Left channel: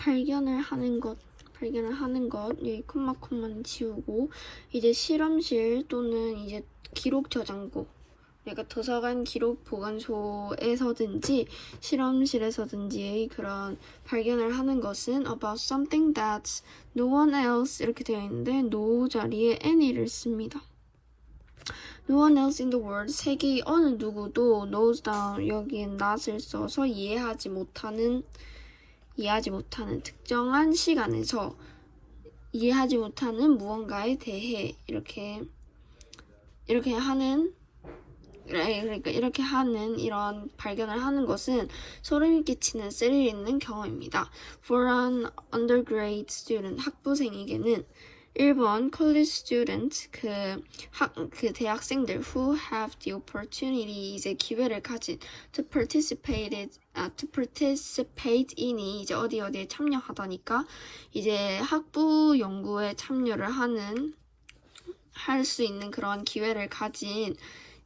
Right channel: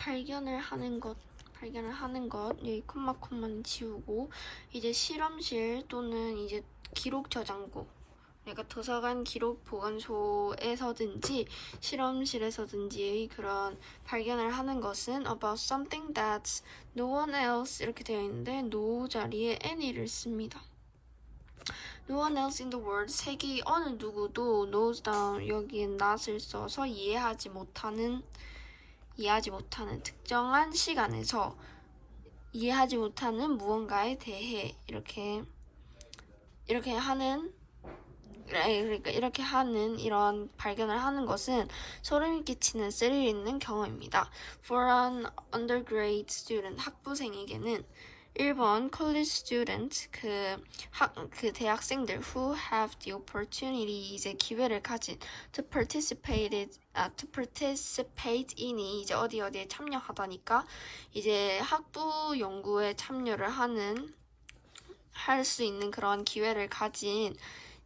발견을 하는 것, 발견을 하는 것, 여기 콤마 콤마는 지우고 이제 실험실 또는 이제 기록 저장고, 그러니까 도서관 기록 보관소에서든지 실험실에서든지의 그런 발견을 하는 것은 about something that no one else 이렇게 되어 있는데 no 자리에 any를 씁니다. No one else in the world 세계 어느 누구도 knows down 여기에 not을 써서 이해하지 못하는 이해하지 못하는 특정한 시간에서 이해하지 못하는 무언가에 대해 이렇게 이렇게 하는 그러니까 이렇게 하는 이런 발견을 하는 것은 소름이 끼치는 스릴 있는 경험입니다. For an undergrad student 학부생에게는 1번 college student 그, 학, 그 대학생들 who have the opportunity 이제 기회를 가진 to participate 아, to participate in이 이제 어디 어디에 참여하다니까 이제 학부 연구에 참여를 하는 할 수 있는 그런 기회를 가진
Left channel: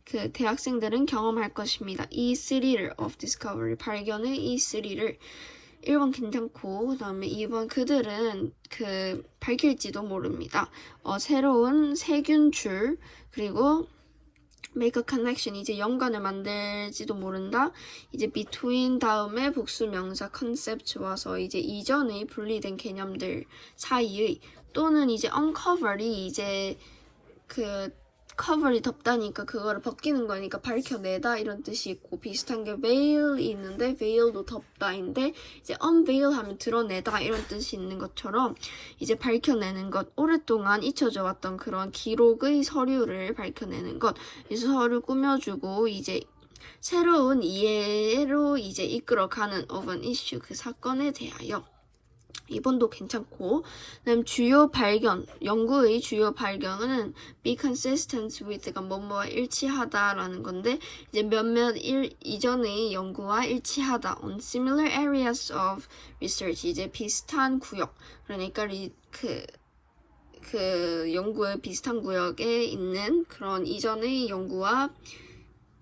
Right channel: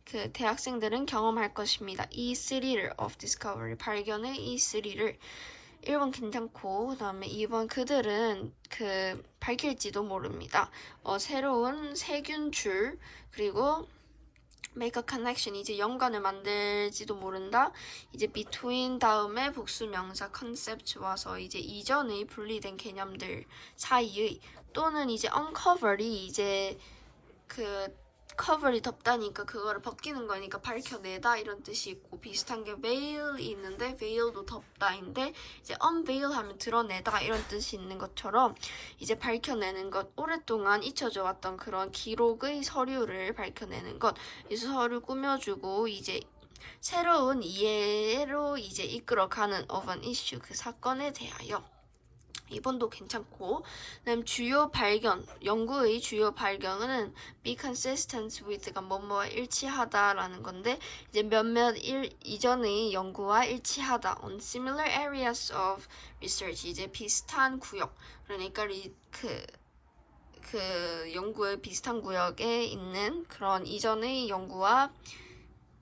그 대학생들은 경험할 것입니다. 이 스릴을 of discovery 발견의 이 스릴을 1번 괜찮고 그 다음에 2번 그들은 그 밝힐지도 모릅니다. 어, 새로운 세균줄 그리고 a connection 이제 연관을 만들지도 모른다. 이제 between 다음에 복수 명사 concept 와서 이제 이전의 분리된 개념들 사이의 또는 이제 uncover이 이제 그 커버리 덮다니까 그거를 벗기는 거니까 밝혀내다 이런 뜻이 있고 비슷한 게 veil이 있는데 veil도 덮다인데 이제 unveil 하면 드러내다 이런 뜻이 있는 것처럼 이제 밝혀내는 것 오랫동안 잊혀져 왔던 그런 기록의 서류를 밝혀내는 것 그래서 서류 꾸며주고 이제 새로운 이해로 이제 이끌어가는 of an issue 그 사건에 대하여 이번도 괜찮고. 그다음 주요 발견 연구의 주요 발견은 be consistent with가 뭐뭐와 일치하다라는 건데 이제 몇몇 일 이전의 연구와 일치하다 on similar areas of research 이제 비슷한 구역. 그러니까 리, 그, 그 연구의 비슷한 구역에 있는 그런 이전의 연구와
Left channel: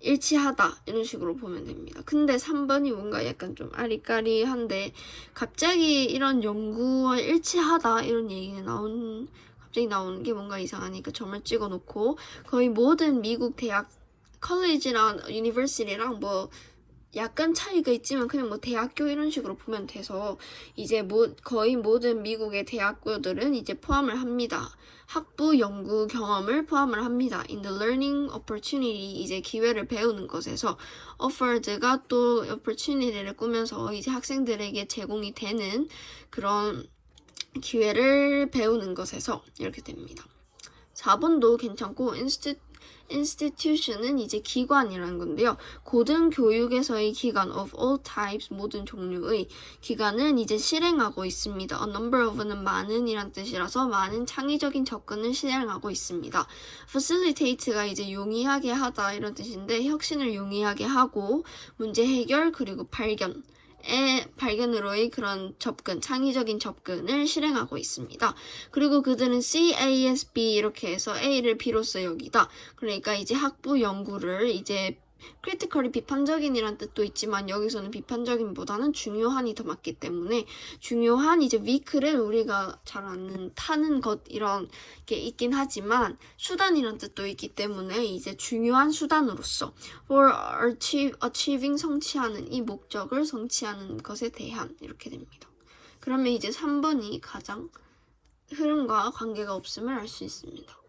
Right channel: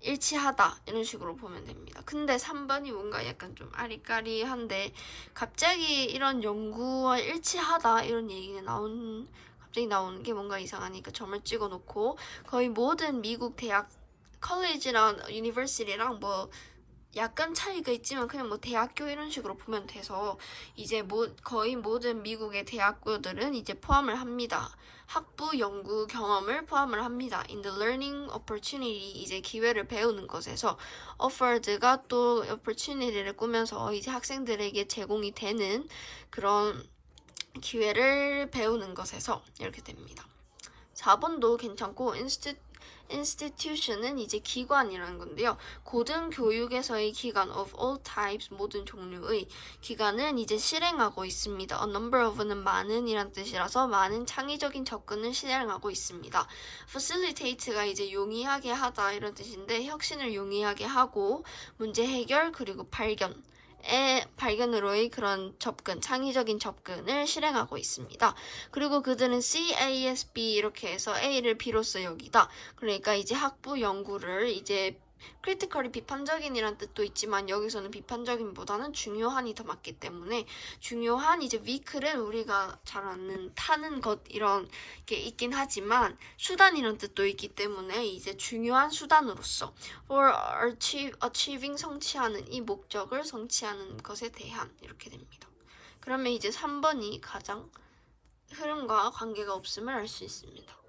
일치하다 이런 식으로 보면 됩니다. 근데 3번이 뭔가 약간 좀 아리까리한데 갑자기 이런 연구와 일치하다 이런 얘기가 나온 갑자기 나오는 게 뭔가 이상하니까 점을 찍어 놓고 거의 모든 미국 대학 컬리지랑 유니버시티랑 뭐 약간 차이가 있지만 그냥 뭐 대학교 이런 식으로 보면 돼서 이제 뭐 거의 모든 미국의 대학교들은 이제 포함을 합니다. 학부 연구 경험을 포함을 합니다. In the learning opportunity 이제 기회를 배우는 것에서 offered가 또 opportunity를 꾸면서 이제 학생들에게 제공이 되는 그런 기회를 배우는 것에서 이렇게 됩니다. 4번도 괜찮고 인스티 institution은 이제 기관이라는 건데요. 고등 교육에서의 기관 of all types 모든 종류의 기관은 이제 실행하고 있습니다. A number of는 많은 이란 뜻이라서 많은 창의적인 접근을 실행하고 있습니다. facilitate가 이제 용이하게 하다 이런 뜻인데 혁신을 용이하게 하고 문제 해결 그리고 발견 의 발견으로의 그런 접근, 창의적인 접근을 실행하고 있습니다. 그리고 그들은 CASB 이렇게 해서 A를 B로서 여기다. 그러니까 이제 학부 연구를 이제 크리티컬이 비판적인이란 뜻도 있지만 여기서는 비판적인보다는 중요한이 더 맞기 때문에 중요한 이제 위크를 우리가 잘 아는 타는 것 이런 게 있긴 하지만 수단이란 뜻도 있기 때문에 이제 중요한 수단으로서 for achieve, achieving 성취하는 이 목적을 성취하는 것에 대한 이렇게 됩니다. 그러면 이제 3번이 가장 흐름과 관계가 없음을 알 수 있습니다.